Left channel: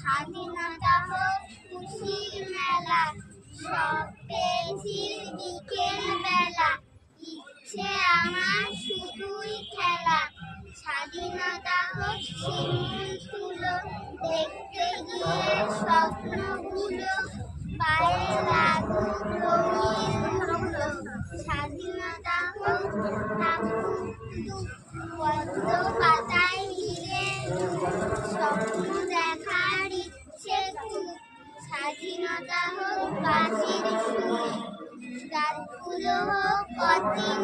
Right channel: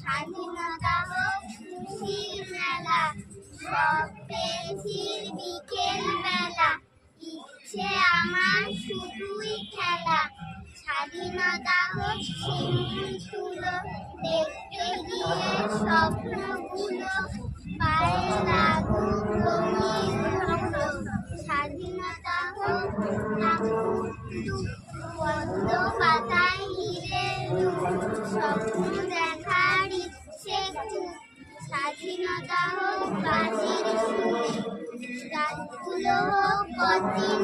স্বাধীনতা হোক খুশির মেলা, সব পেয়েছির বিকেল বেলা, ইচ্ছে আমার শুধুই খেলা। স্বাধীনতা হোক শিমুল তুলো, দেখতে গিয়ে স্বপ্নগুলো পায়ে লাগুক রঙিন ধুলো। স্বাধীনতা হোক থাকুক পদ্ম পাতায় হিরে, স্বপ্ন দেখার ইচ্ছে খুব। স্বাধীনতা হোক বাজির সুরে, রাতগুলো হোক অচিন।